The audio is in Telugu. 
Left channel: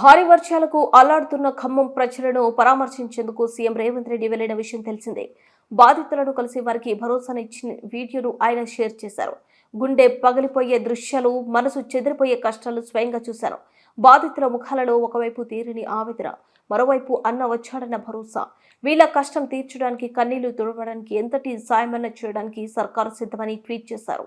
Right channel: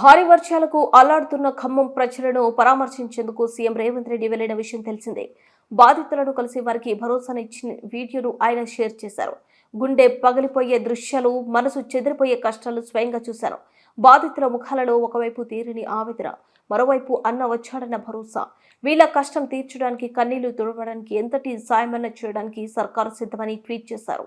భారీ వర్షాలకు అల్లాడుతున్న ఖమ్మం ప్రజలను పరామర్శించేందుకు సీఎం రేవంత్ రెడ్డి వెళ్లిన విషయం తెలిసిందే. బాధితులను కలిసి వారికి భరోసానిచ్చిన వీడియోను ఆయన షేర్ చేశారు. గుండె పగిలిపోయే దృశ్యాలు, మనసు చెదిరిపోయే కష్టాలు స్వయంగా చూశారు. బాధితుల ముఖాలలో ఒకవైపు తీరని ఆవేదన, మరోవైపు అన్న వచ్చాడన్న భరోసా. వీళ్ల కష్టం తీర్చడానికి, కన్నీళ్లు తుడవడానికి, ఎంతటి సాయమన్నా చేయడానికి సర్కారు సిద్ధమని ట్వీట్ చేశారు.